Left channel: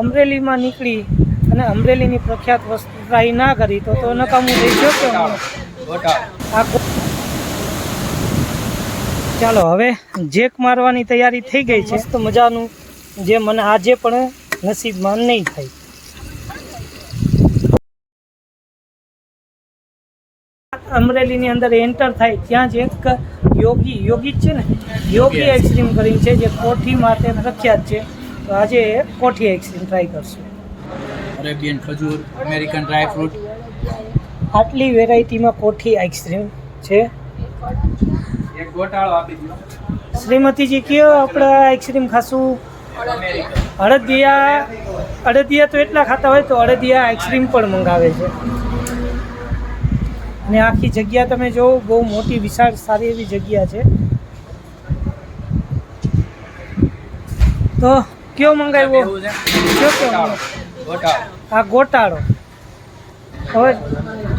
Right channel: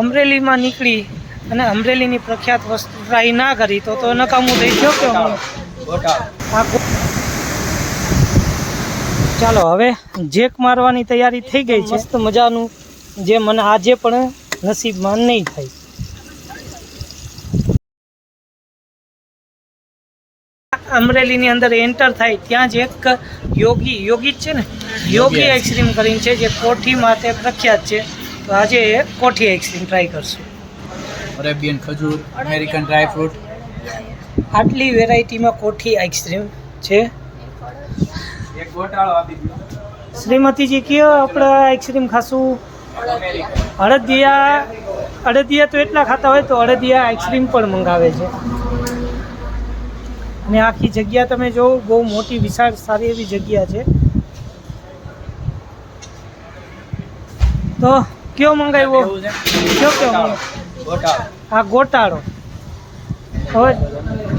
અમરેલીમાં નીકળી અને અમરેલીની પ્રખ્યાત વસ્તુ ટ્રાય ના કરી તો નકામું થઈ ગયો કે ચાલો હવે જેક મારવાની તૈયારી થઈ ગઈ છે. મસ્ત મજાનું જે મને આજે પણ નસીબમાં નહીં થાય. અમરેલીની અંદર એન્ટર થાય ત્યાં જ એક યોગી જ છે ને, યોગી આઈસ્ક્રીમ કરીને છે જે કોઠી માટે પ્રખ્યાત છે. તો આજે કોઠી આઈસ્ક્રીમ ટ્રાય કરશું. અરેબિયન ખજૂર, અમેરિકન ડ્રાય ફ્રૂટ, આટલી વેરાયટીમાં કોઠી આઈસ્ક્રીમ છે. એક ગોટાળો આપી દો. શ્રીમતીજી કયો આપણે આઈસ્ક્રીમ ખાશું? અડદિયા તો એટલા ખાતા હોય તો અડદિયા આઈસ્ક્રીમ પણ મંગાવે છે. અને આખી જગ્યા તમે જોવો, બહુ મોટી વિશાળ સારી એવી જગ્યા છે. તો કયો મંગાવ્યો? આ ગોટાળો. હવે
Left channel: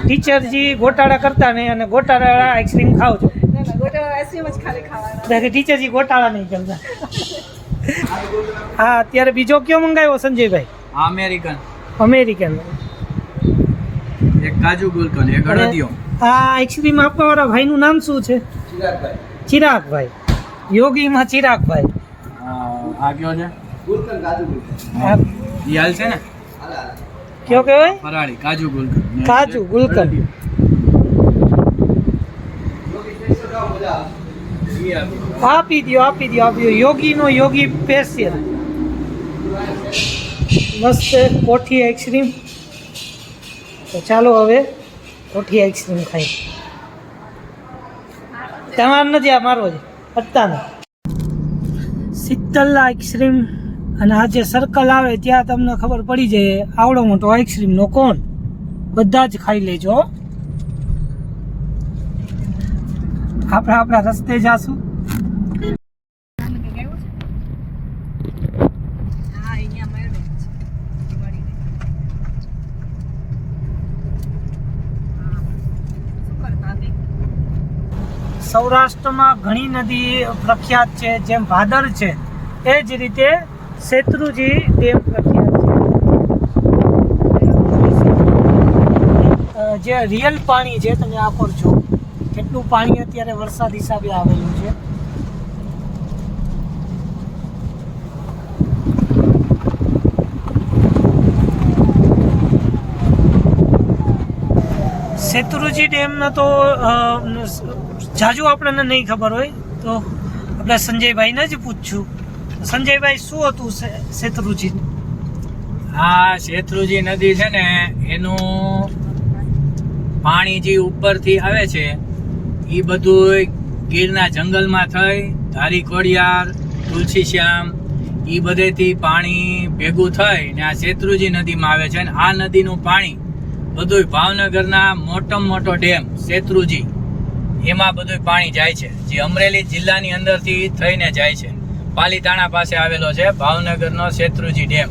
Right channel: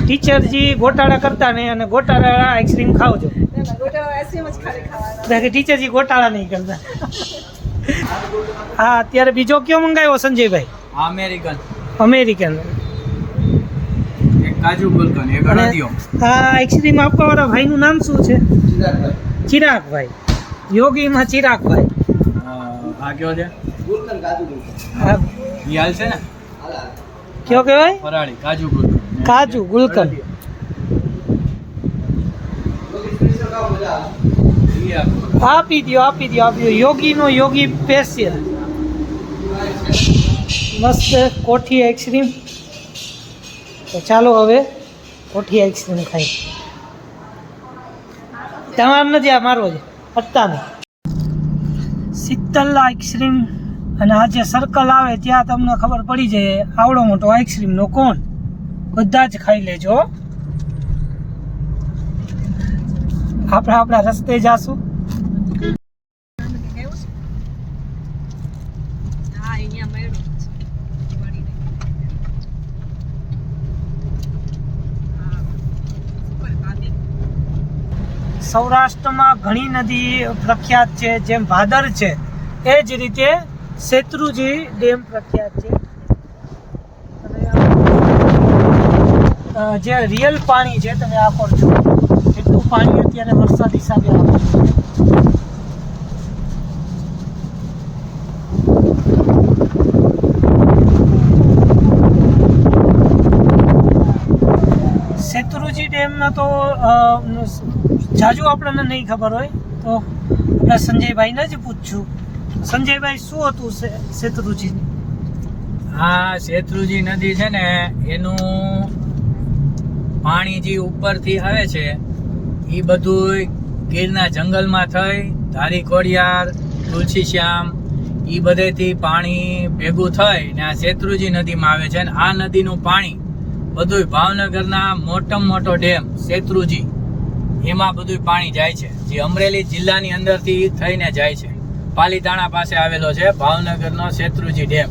ટીચરજી ગોટાળા કરતા નહીં અને ગોટાળા આઈસ્ક્રીમ ખાવજો. ટીચરજી ગોટાળા નહીં કરતા. હા, અત્યારે બીજો કયો મંગાવ્યો સંજયભાઈ? અમેરિકન. એક કાજુ ગુલકંદ, એક અડદિયો. આ આઈસ્ક્રીમ આપવાવાળા ભાઈનું નામ શું છે? ચિરાગભાઈ. યોગીમાં ચિરાગભાઈ. આ કયો છે? ગુલકંદ, કાજુ ગુલકંદ. ઈ હાલ છે ને? કયો કહેવાય? ફરાળી કાજુ ગુલકંદ. કાજુ ગુલકંદ. આપી દો. યોગી સ્પેશિયલ મસ્ત કોઠી આઈસ્ક્રીમ. તો ચાલો હવે કોઠી આઈસ્ક્રીમ ખાઈ. તમારે નથી, આ મારો છે. અત્તાનો શીતલ આઈસ્ક્રીમ. અને આ જે સર્કલ આવે ત્યાં તમને ખબર પડી જાય આવડો મોટો આઈસ્ક્રીમનો કોણ. બધા જ ખાઈ લેજો. આપણે આપણા રસ્તે જાશું. સૌરાષ્ટ્રમાં ઘણી નદી પ્રખ્યાત છે, જેમ ભાદર છે એ જ રીતે શેત્રુજી ડેમ પ્રખ્યાત છે. જે રિયલ પાણી છે તમે આ પર છો કેટલું પાણી અત્યારે વરસાદ હિસાબે આવેલું છે. શેત્રુજી ડેમના તો જાજુ આપણને નહીં ખબર હોય તો આપણે સંજયભાઈને જ પૂછશું. સંજયભાઈ, શું હતું શેત્રુજી? આ શેત્રુજી નદી છે ને, એનું પાણી જે ઉપરથી આવે છે એ બધું ગીરના જંગલમાં થઈ ધારી ખોડિયાર, તુલસી શ્યામ એ બધેથી પાણી ભેગું થઈ ને આ શેત્રુજી નદીમાં આવે છે. અને આ નદીનું પાણી બધું ભાવનગરના મોટામાં મોટો ડેમ શેત્રુજી, એમાં બધું પાણી જાય છે, જે અમરેલી જિલ્લાની અંદરથી થઈને જાય છે. પાલીતાણા પાસે આવેલો છે ભાવનગરનો શેત્રુજી ડેમ.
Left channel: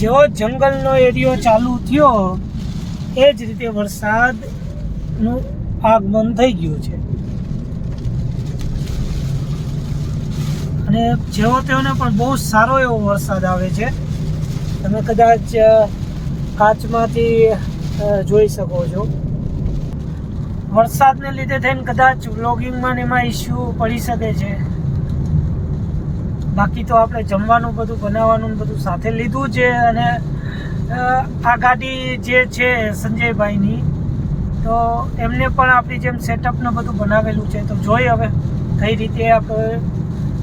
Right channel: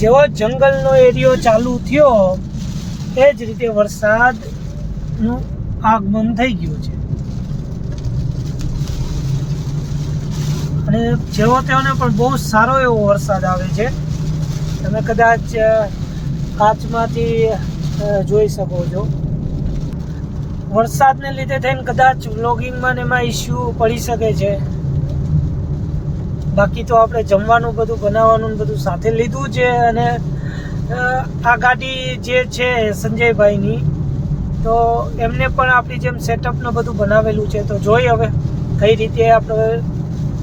જેવો જંગલનો એરિયો ચાલુ થયો એ જ રીતે વરસાદનું આગમન થઈ ગયું છે. અને જેવો તેઓને પણ બહુ સારો એવો વરસાદ આવે છે. તમે કદાચ કાચમાંથી જોઈ શકો છો. વરસાદને લીધે થઈને કદાચ વ્લોગિંગમાં ને એમાં ઇસ્યુ પડી શકે છે. બાકી તો આપણે જમવાનું બધું બનાવવાનું બધું સાથે લીધું છે. અને આ ગાડી જે છે સંજયભાઈની, તો એમને પણ આપણી જેમ સેટઅપને બધું બનાવેલું છે. તો જોઈ હવે કઈ રીતે આપણે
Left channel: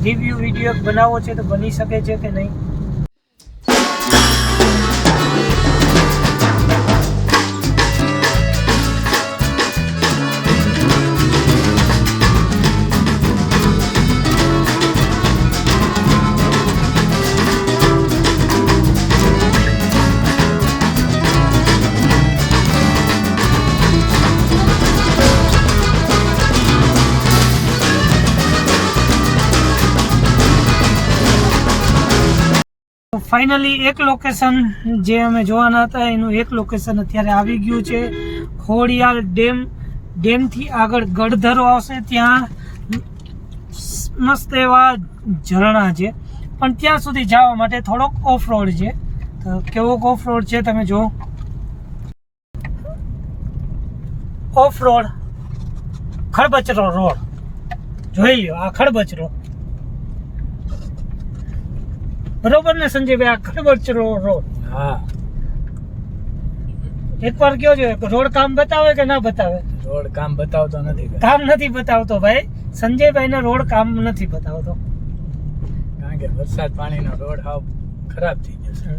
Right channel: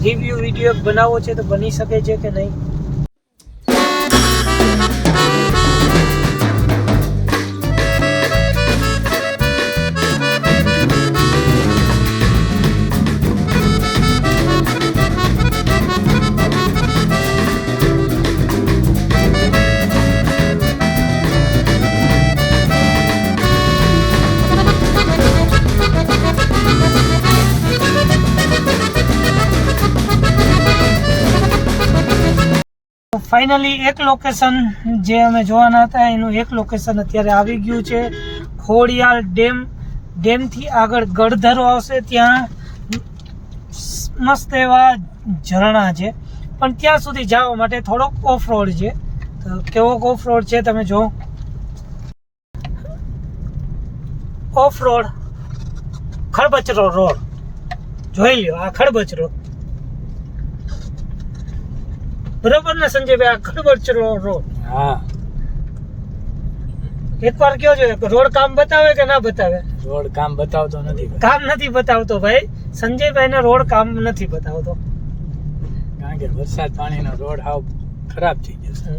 રિવ્યૂ વિડીયો બનાવવો છે તો બની શકે છે કે નહીં. ફાઇનલી એક લોકેશન જે અમે જોવાના હતા એનું એક લોકેશન અત્યારે આવી ગયું છે. ખોડિયાલ ડેમથી આગળ ગઢધરો આવશે, ત્યાં મસ્ત એવા ઝરણા છે. પણ ત્યાં સુધી જવા માટે થોડોક ઓફ રોડ છે. તો કેવોક ઓફ રોડ છે તમે જો. ઓફ રોડ, ખડબચરો રોડ જોઈ લ્યો. આ ખડબચરો બરોબર ને સંજયભાઈ? આ ખડબચરો રોડ. હા, એકવાર કયો છો, રોડ કામ બતાવે કે ના બતાવે? રોડ કામ બતાવતો નથી ભાઈ. કામ નથી બતાવતો ભાઈ. સંજયભાઈ ને રોડ કામ નથી બતાવતો. કારણ કે વરસાદ પાણીનો રોડ હાવ ખરાબ થઈ ગયો છે.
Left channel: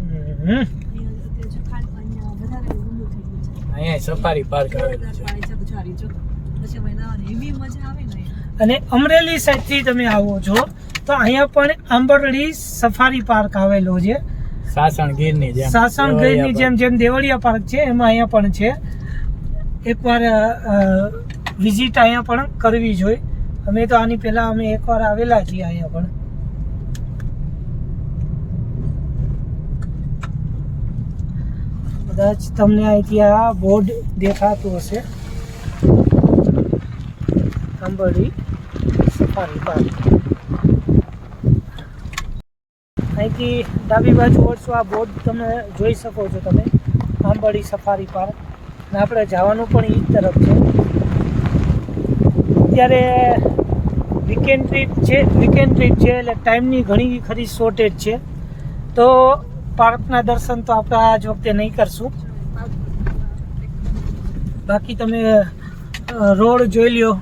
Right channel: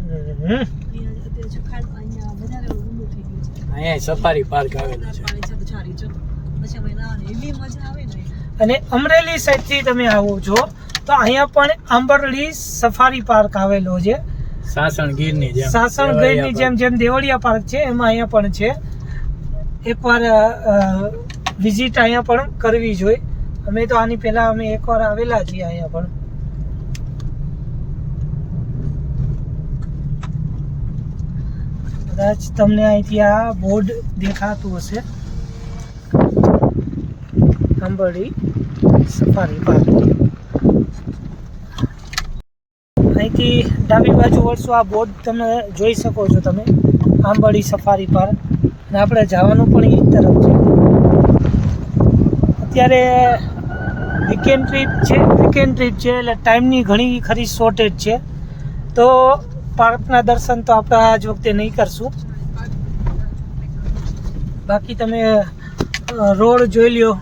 અહીંયા સફારી પાર્ક આવેલું છે. અને અમરેલી સાઈડ થી તમે આવો છો તો અહીંયા પણ આંબરડી સફારી પાર્ક આવેલો છે. સાસણગીરની જેમ સાસણગીરની જેમ દેવળિયા પાર્ક છે, એમાં અહીંયા પણ છે. એકવાર વિઝિટ અહીંયા પણ કરવી જોઈએ. અમે તો આની પહેલા અમે એકવાર આવેલા છીએ અહીંયા પણ. કદાચ તમને અહીંથી આ બોર્ડ દેખાતું હશે, આંબરડી સફારી પાર્ક. અહીંથી ડાબી બાજુ વળશો, આ બોર્ડ તમે જોઈ શકો છો તમે, આંબરડી સફારી પાર્ક. અને આપણે જવાનું પણ એ તરફ છે. અત્યારે વીકેન્ડ ટ્રીપ છે એટલે ટાઈમની ઘણી ખરી શોર્ટેજ છે. તો પાર્કના દર્શન તો આપણે આજ વખતે નહીં કરશું. બાકી તમે રોડ જોઈ લ્યો.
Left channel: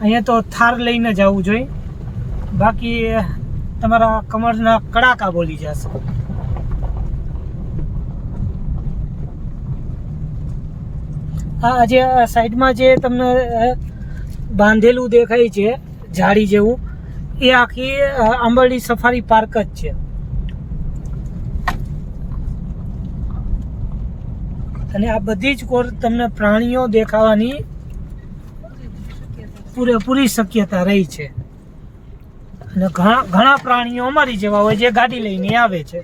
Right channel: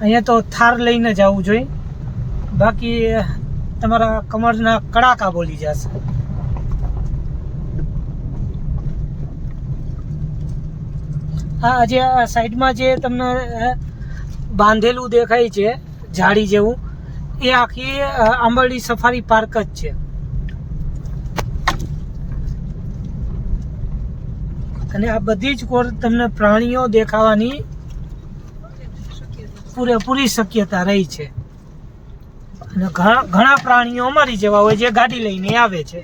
અહીંયા તો થાર લઈને જવું જોઈએ, બાકી તમારા કમરના કડાકા બોલી જશે. હા, જે આ સાઈડમાં જે તમને બાંધેલું દેખાય છે જાળી જેવું, એ આખી આંબરડી સફારી પાર્ક જ છે. અને આ બધી જ કોર તમને પ્રાણીઓ દેખાવાની પૂરેપૂરી શક્યતા રહી છે. અને ઘણા પ્રાણીઓ અમારી જેવા હોય જે ગાડી લઈને આવે છે.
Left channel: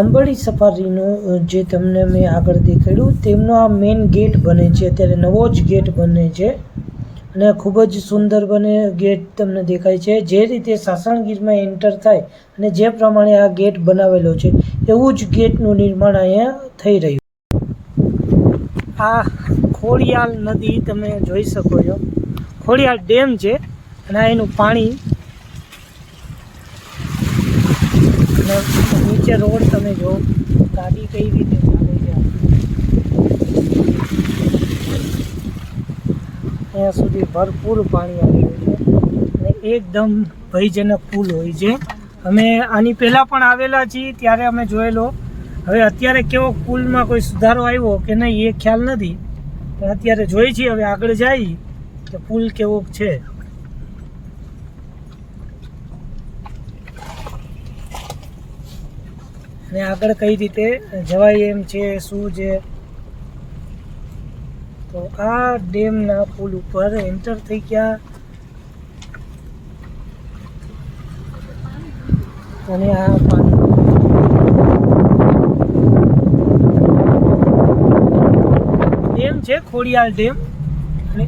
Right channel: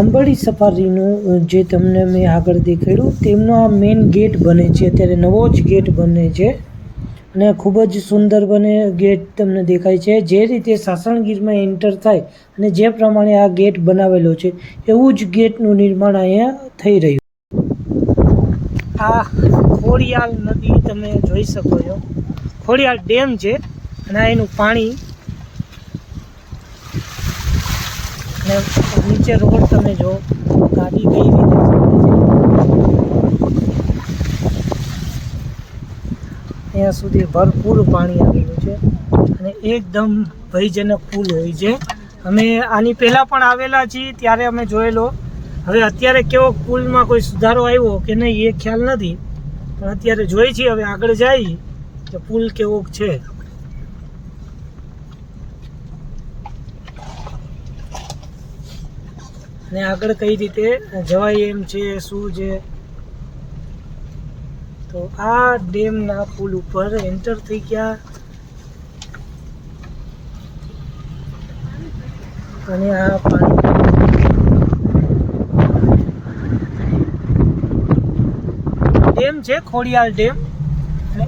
આંબરડી સફારીનું જે તમને મેં આગળ દેખાડ્યું તેમનો આ મેઇન ગેટ બને છે. અત્યારે નવો જ ગેટ બને છે અને ખૂબ જ સુંદર બને ગેટ તમને દેખાય છે. જે રીતે સાસણગીરમાં એન્ટર થાય અને જે પ્રમાણે આ ગેટ બનાવેલો છે એવું જ ગેટનું નિર્માણ અહીંયા થઈ રહ્યું. આ ખોડિયાલ નદી તમે જોઈ શકો છો. ખોડિયાલ ડેમ છે અને આ એનું પાણી. અને નીચે રોડ તમે જો, ગાડી કઈ રીતે અહીંયા સુધી ભરપૂર પાણી આવેલું છે અને એકદમ ભયજનક પુલ હોય છે. અમે આની પહેલાં પણ આવેલા છીએ ત્યારે અમે જોયેલો. હવે અત્યારે કેવો પુલમાં કોઈ સુધારો આવ્યો કે નહીં એ ખ્યાલ નથી, પણ અત્યારે જોઈએ છીએ. હવે આગળ જાય કે પુલ કેવો છે. અને આગળ કઈ રીતે જવાય એમ છે, શું છે. તો આ ડેમના પુલ ઉપર એન્ટર થઈ ગયા અને આ પાણી ડેમ છે, ખોડિયાલ ડેમ. અને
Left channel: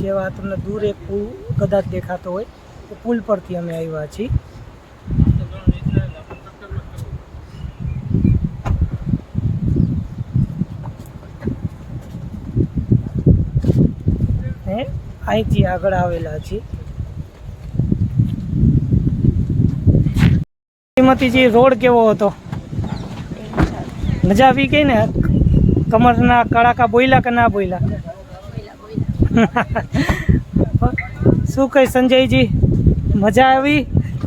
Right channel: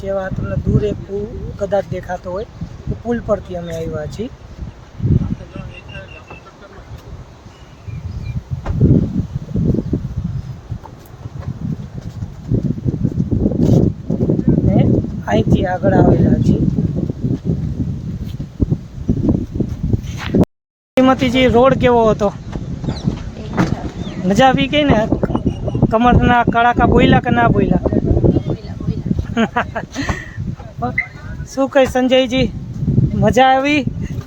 જેવા તમને દૂર એક પુલ કદાચ દેખાતો હોય એ પુલ પરથી અમે આવ્યા છીએ. ને અહીંથી આગળ આવેલા છીએ. શ્રીમતીજી, રોડ કેવો હતો? મજા આવી ગઈ ને? કમરના કડાકા બોયલા કે ના બોયલા? શું કઈ સંજયજી, મજા આવી?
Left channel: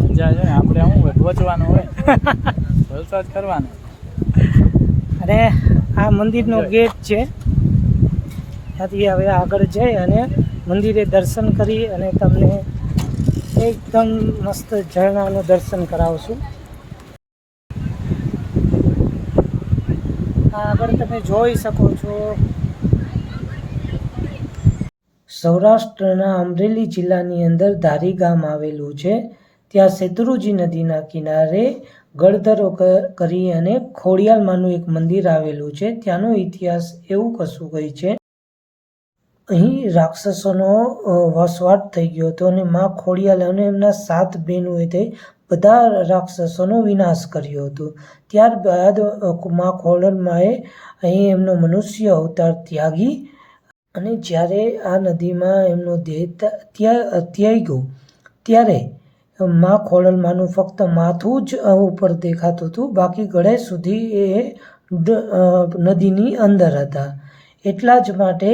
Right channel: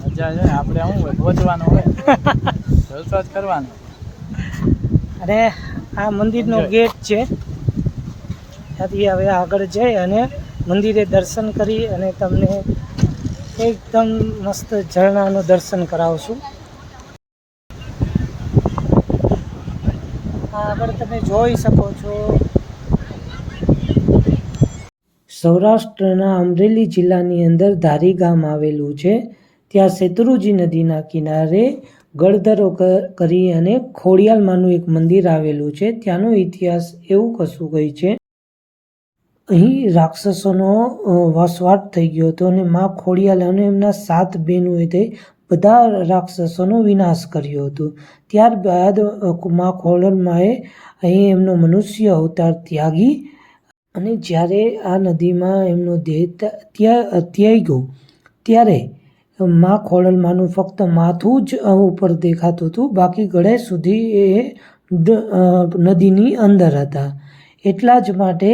મજા છે. આપણે શું હોય, પહોંચવાનું હોય, જલસો જ કરવાનો. અને આ મંદિરનો ગેટ છે, ત્યાંથી હવે આગળ જઈ અને મંદિરે દર્શન કરી અને તમને એકદમ મસ્ત ઝરણાનું દર્શન કરાવશું. આગળ તમે જોઈ શકો છો, સૌરાષ્ટ્રના અમરેલી જિલ્લાની અંદર ધારી ગામ આવેલું છે. ત્યાં શેત્રુંજી નદીના કિનારે ગળધરો કરી અને ખોડિયાલમાંનું એક મંદિર આવેલું છે. ત્યાંનો ઇતિહાસ એવું કશું કઈ છે, અહીં રાક્ષસોનો વસવાટ થઈ ગયો હતો અને મા ખોડિયાલ અને એમના 7 બહેનોએ તે બધા રાક્ષસોનો વિનાશ કર્યો હતો. ત્યારબાદ મા ખોડિયાલમાએ અહીં એમનો મનુષ્ય અવતાર ત્યાગી અને જ્યારે આ નદીમાં એમનો દેહ ત્યાગ્યો ત્યારે મા ખોડિયાલમાનું ફક્ત માથું જ ઉપર દેખાતું હતું, બાકી ગળે સુધી એ નદીની અંદર હતા. એટલા જ માટે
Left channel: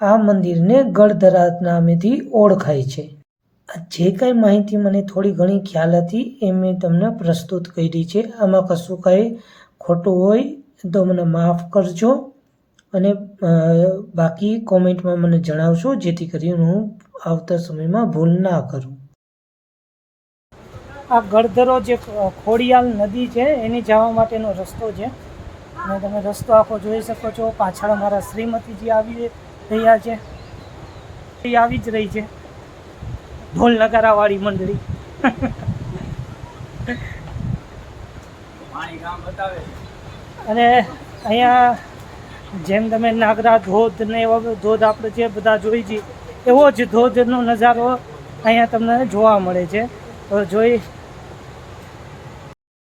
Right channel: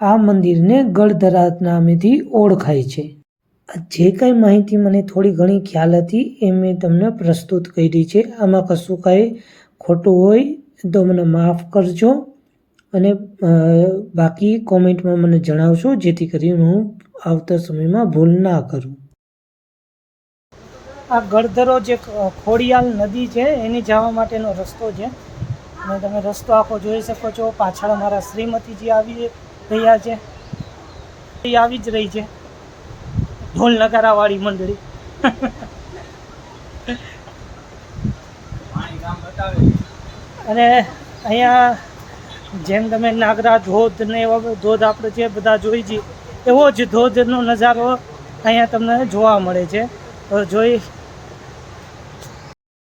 આ મંદિરને ગળધરા નામેથી ઓળખાય છે. જે કંઈ માહિતી મને થોડી ઘણી ખ્યાલ હતી એ મેં તમને પ્રસ્તુત કરી છે. આમાં કશું કાંઈ ખોટું હોય તો મને માફ કરજો અને બાકી કોમેન્ટમાં મને જણાવશો, જેથી કરીને હું આવતા સમયમાં ભૂલ ના કરું. આ ગળધરો જે ખોડિયાલ નદી છે એની જવા માટેનો રસ્તો છે અને તમે રસ્તો આખો જોઈ શકો છો. પાછળ મારા શ્રીમતીજી આવી રહ્યા છે, એ આવી જ રહી છે, ઢોલ નગારા વાળી મંડળી. અને અહીંયા જેમ તમે નાગરા ધોધ ને એવા ધોધ આપણે જે બધા જોઈ છીએ એવો જ ધોધનો નજારો અહીંયા તમને જોવા મળે છે. તો જોઈ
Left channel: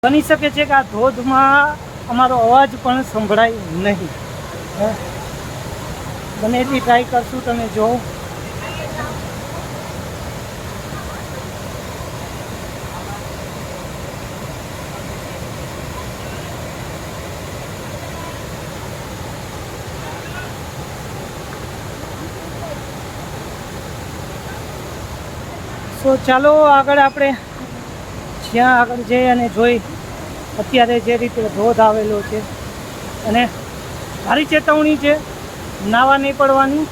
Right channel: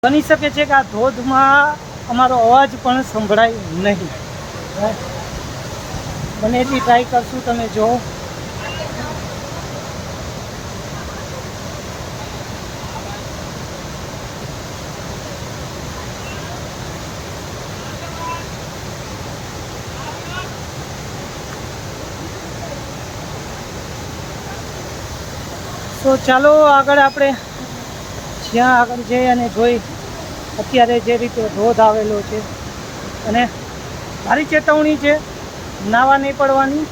બની શકે છે કે આ ધોધમાં અમારો અવાજ પણ સંભળાય નહીં. બને એટલી ટ્રાય કરશું, તમે જો. તો ચાલો આગળ આપણે જ્યાં આગળ જઈ અને જોઈ અત્યારે જે રીતે ધોધ આવેલો છે. અને મારી ચેતવણી છે, નાવા નહીં પડવાની.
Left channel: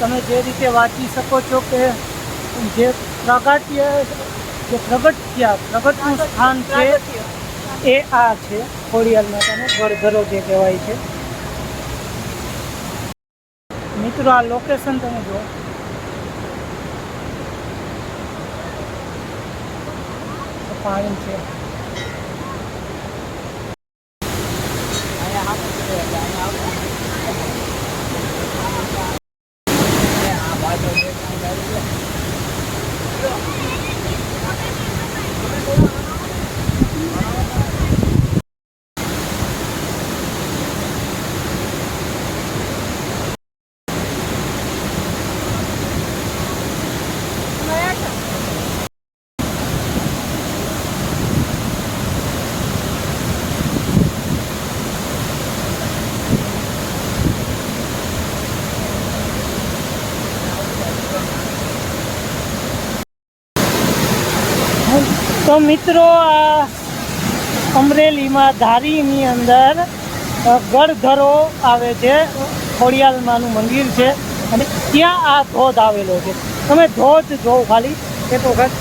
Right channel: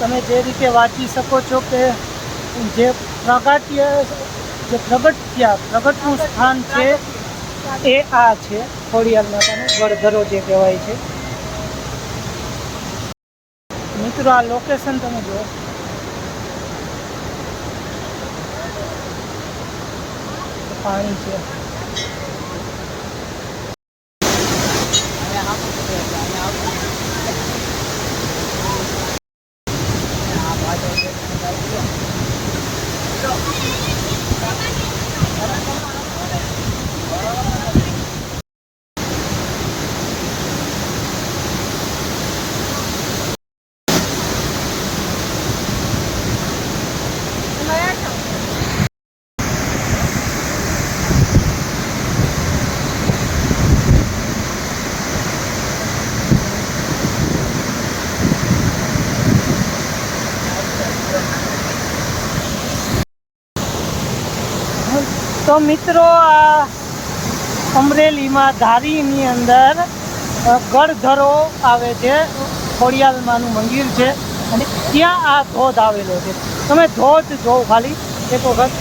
તમે જે રીતે વાંચી શકો છો કે જે પ્રગટનું સ્થાન છે એ આ છે ખોડિયાલ માતાનું ગળધરો જે કહેવાય છે. મિત્રો, આ લોકેશન તમે જુઓ, પાણી છે. તો મિત્રો, આ અમરેલીમાં ધારીની અંદર ગળધરો આવે છે. ખોડિયાલમાનું મંદિર છે અને ત્યાં આ ધોધ આવેલો છે. તમે ધોધ જોવો ખાલી એક વખત.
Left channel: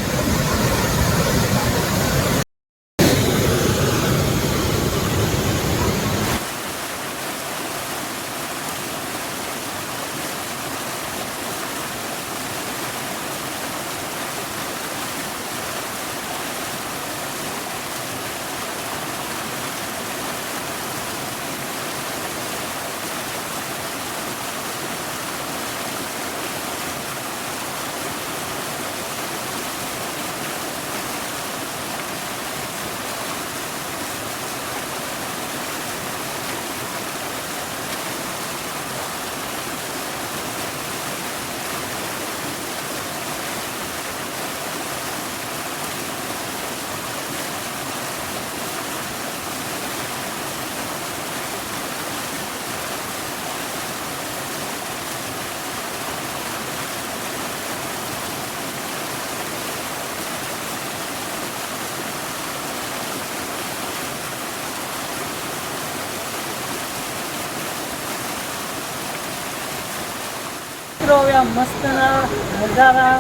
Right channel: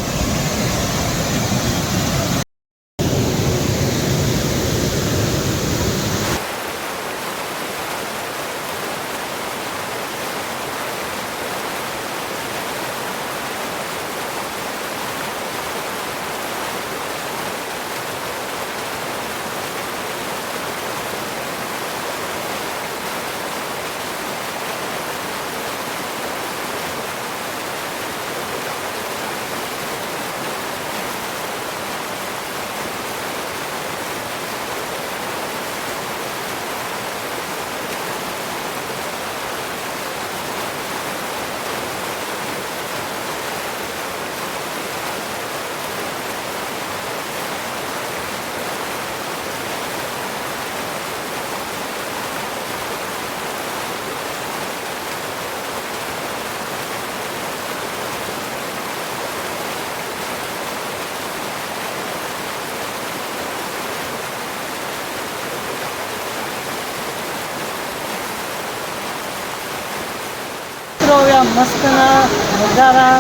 હવે આ મસ્તના નજારા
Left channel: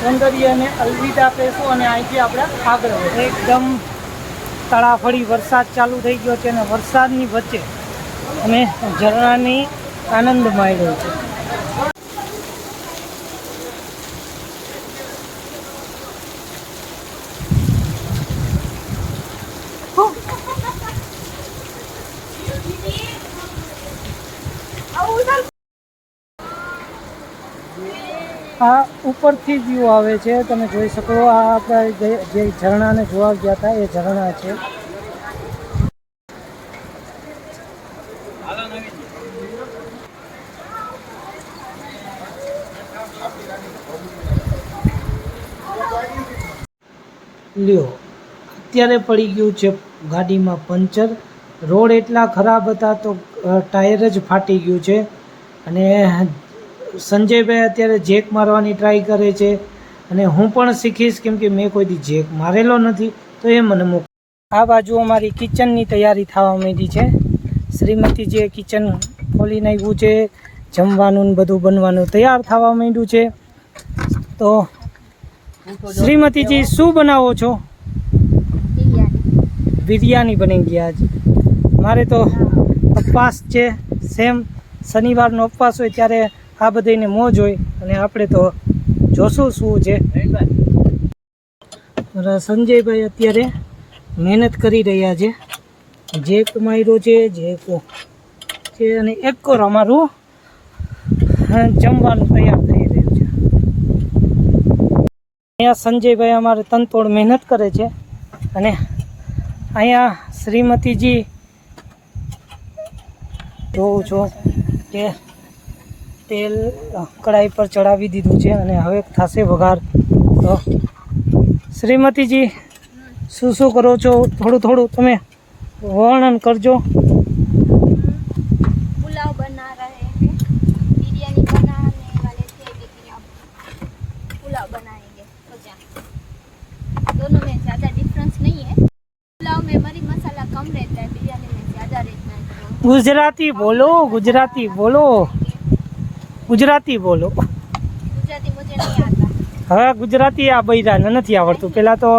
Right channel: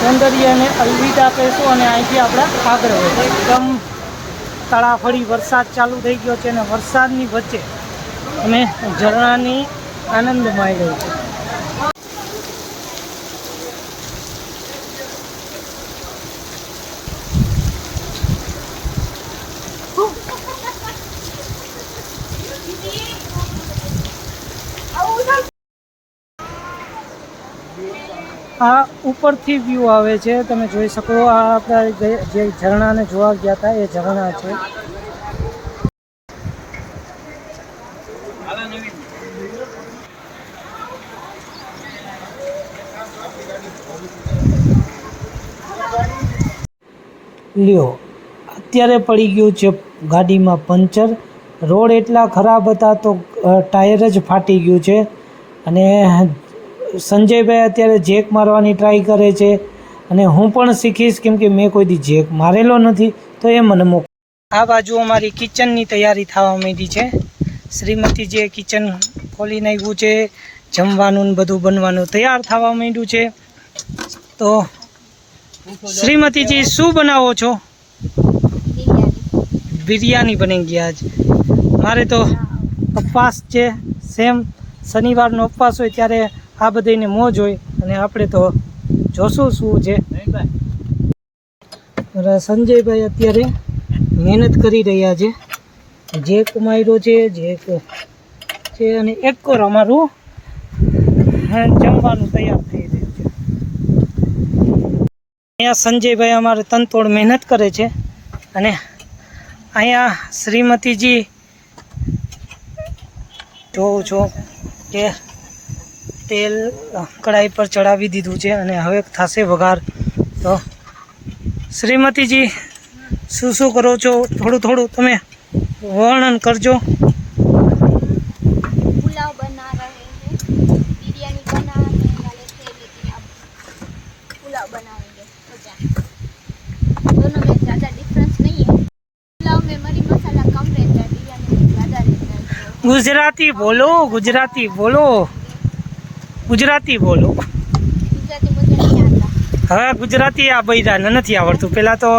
સૌંદર્યને અલવિદા કહીશું અને અહીંથી આપણે આગળ વધીએ. એકદમ તળાફળી વરસાદ ચાલુ થઈ ગયો છે અને વરસાદની વચ્ચે અમે ઝરણાની આનંદ માણ્યો છે. આ ઉપરથી વ્યૂ આવે છે, તમે જોઈ શકો. આ આપણે જે ઝરણાને જોવા ગયા હતા એ ઝરણા છે. લ્યો, અત્યારે પડી ગયું છે ગાડીમાં પંચર. રોડ એટલા ખરાબ હતા તો ટાયર જ ફાટી ગયું છે અને સંજયભાઈ અત્યારે જેક મારવાની ટ્રાય કરે છે અને હું પણ શીખીશ કેમ કે મેં કોઈ દી જેક મારેલો નથી, તો એ મને મોકલો. આ બાજુ અમારી કિચનની તૈયારી થવા માંડી છે. શ્રીમતીજીએ કિચન ખોલી નાખ્યું છે, જમવાનું ને બધું બનવાનું તૈયાર થવા માંડ્યું છે. તો શ્રીમતીજી શું બનાવો છો? બિરયાની બની ગયા આજ. મારે તો ઉપવાસ છે, સેમ શનિવારનો ઉપવાસ હોય ત્યારે આ બધાને મોજ હોય અને આપણે તો જોશું શું છે. સંજયભાઈ અત્યારે મહેનત કરી રહ્યા છે. જેક માર્યો છે, જેક છે અને એક કોર અમારું જમવાનું તૈયાર થઈ રહ્યું છે. અહીંયા સંજયભાઈ અમારે તનતોડ મહેનત કરે છે અને અહીંયા શ્રીમતીજી જોઉં છું કે તેલ કઢાઈ પર ચડાવી દીધું છે અને હવે થશે વઘાર. તો શ્રીમતીજી શું શું કરો છો થોડું થોડું તમે વર્ણન કરજો. पुलाव बना रहे हैं, बिरयानी बनाने वाले थे लेकिन अब पुलाव बनाएंगे. तो क्या दोनों में ज़्यादा डिफरेंस नहीं है. पुलाव में मरी मसाला कम रहता है, बिरयानी में ज़्यादा रहता है. ગુજરાતી બોલો, ગુજરાતી બોલો, ગુજરાતી બોલો. गुजराती मुझे नहीं आता. હવે ગુજરાતી આ બૈરાને નથી આવડતું. પહેલાં તો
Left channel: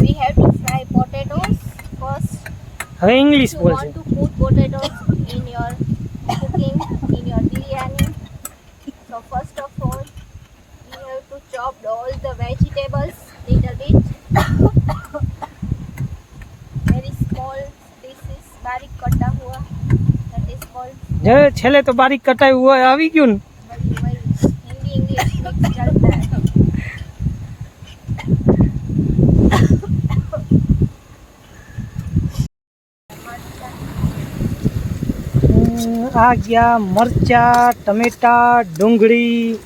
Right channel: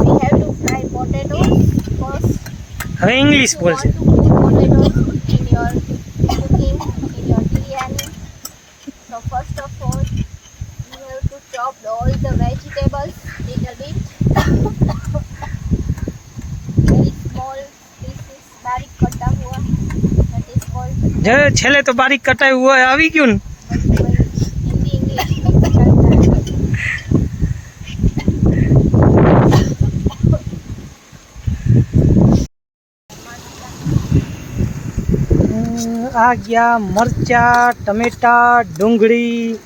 We have to fry potatoes first. હવે ઇંગ્લિશ You want બોલશે. to put potatoes in your cooking, in your biryani. So first of all, you have to chop all the vegetables little bit. Very small pieces, बारीक कटा हुआ. That is called જે છેલ્લે તો બારીક કટાયું હોય આવી ગયું ને. वही हिंदी इंग्लिश मिक्स चलता है. આ ગયા મરચા, ટમેટા, ડુંગળી.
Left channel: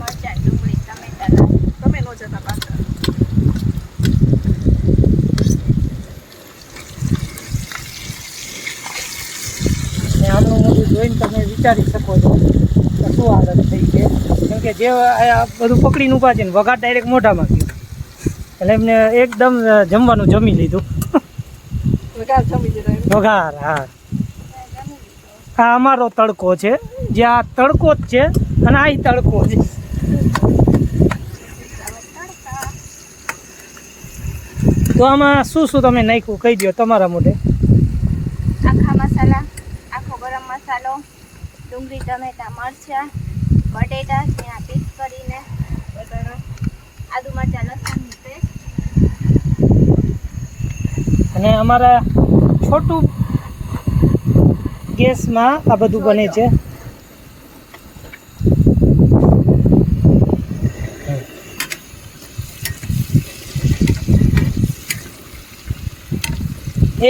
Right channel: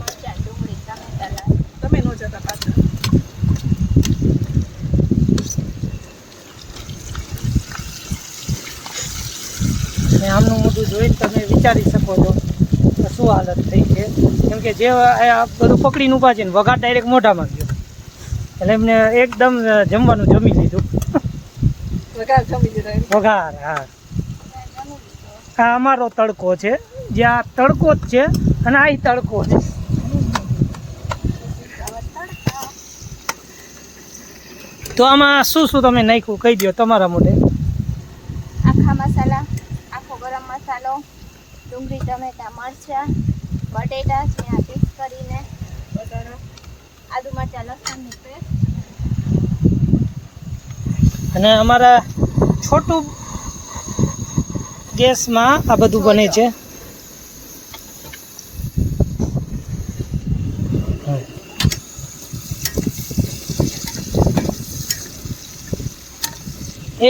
મરચાં, ડુંગળી, ટમેટા તમે નો જતા પાછા. ને આમનું મોઢું જોઈને તમે વિચારી શકો છો કે શું હાલત થઈ છે. કેમ કે જે આ બધું પકડીને ઊભા છે ને વઘાર ડાયરેક્ટ મોઢામાં ગયો. એટલે એમને એકદમ જમવાનું જમી લીધું. વઘાર, હા. આ અમારો તડકો છે, જે આ તડકો જ છે અને આ તડકો છે. તો આમાં શું શું તમે નાખ્યું કહી દો તમારા મોઢે. આખા મસાલા, આખો ગરમ મસાલો, ડુંગળી, ટમેટા, મરચાં, બટેટા ઝીણા પીસ કરીને, આદુ મરચાં લસણની પેસ્ટ, અને અમારા છોટું ગેસમાં આ બધું બને છે.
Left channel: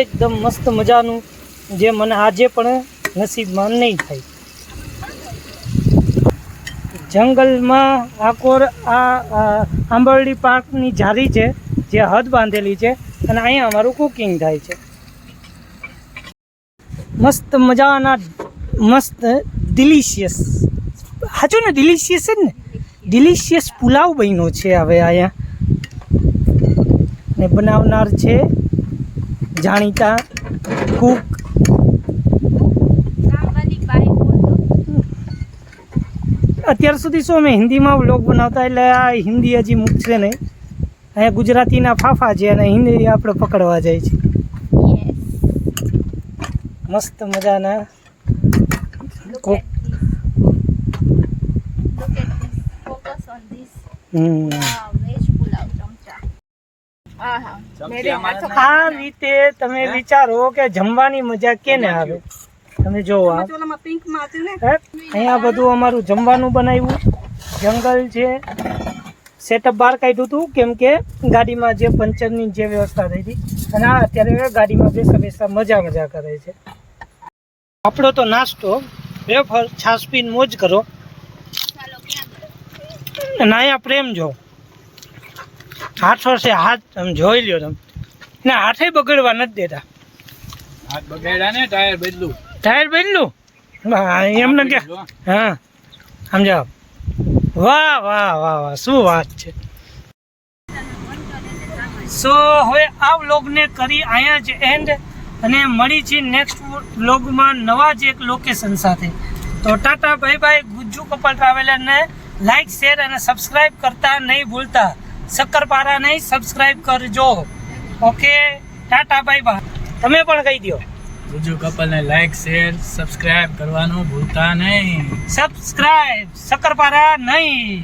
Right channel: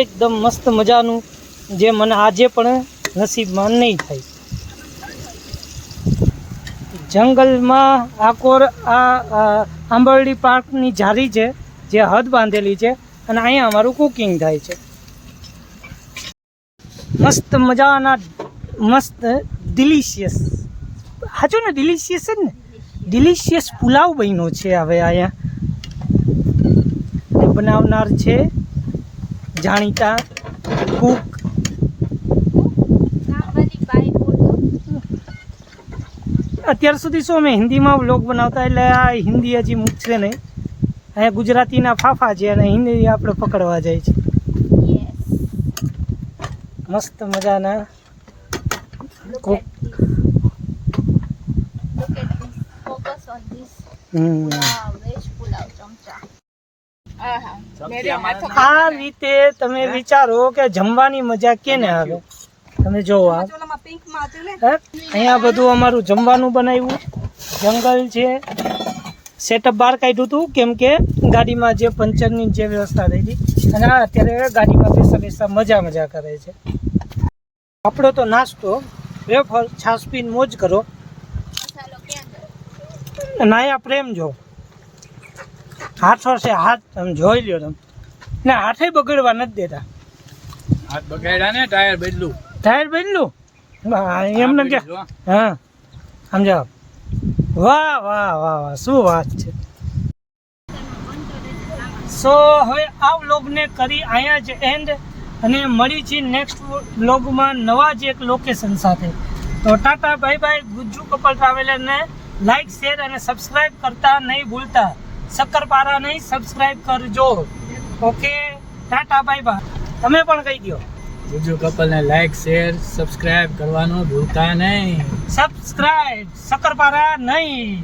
એકદમ મસ્ત મજાનું, જે મને આજે પણ નસીબમાં નહીં થાય. જંગલમાં આકોર આ આંબરડી પાર્કની જારી છે, જે હદ બાંધેલી છે, અને અહીંયા અમારું કુકિંગ થાય છે. મસ્ત મજાના, મસ્ત ડિલિશિયસ, સાચું ને ડિલિશિયસ છે ને, ડિલિશિયસ પુલાવ બન્યો છે હવે અહીંયા. બનાવનાર છે જાણીતા કુક. અત્યાર સુધી શું અમે હિન્દીમાં વ્લોગ બનાવતા, એટલે આ હિન્દી હજી મૂકશે નહીં. અહીંયા ગુજરાતીના ફાફા છે અને હિન્દી આપણે પકડવા જાય છે. મસ્ત મજાના કુક. આ રીતે તમે વિચારો કે જમવાની મજા કેને આવે. તમે જોવો અહીંયા બધું અમારું જમવાનું બનાવ્યું. જંગલ છે, સેટઅપ બહાર કાઢ્યું હતું કેમ કે ગાડીમાં જે પંચરની જે વ્યવસ્થા થઈ હતી, અને આ અત્યારે ગાડીમાં બેસા મજા કરે છે. આપણો તો નાસ્તો વેફર છાશ પીને મોજ કરો. અને અહીંયા પ્રેમ જો હાથો છે, હાથ તમે જોઈ લ્યો. તમે ને હાથે બગડવા નથી દેતા. હાથ બગાડ્યા ને ટાયર બદલું એમને કે હા સમજાવ. વાહ વાહ વાહ વાહ, શું વાત છે. સો હવે આ વ્લોગને કરી અહીંયા જ એન્ડ, અને મળી છે નેક્સ્ટ વ્લોગમાં નવા જ એક લોકેશન સાથે. તો tata bye bye. Gujju couple ટ્રાવેલરને લાઈક, શેર અને સબસ્ક્રાઈબ કરતા નહીં ભૂલતા. શક્કરપારા નહીં, સબસ્ક્રાઈબ કરજો. Okay, tata bye bye. તમે પણ કહી દો. ગુજ્જુ કપલને લાઈક, શેર, સબસ્ક્રાઇબ કરવાનું ભૂલતા નહીં. સબસ્ક્રાઈબ, શક્કરપારા નહીં.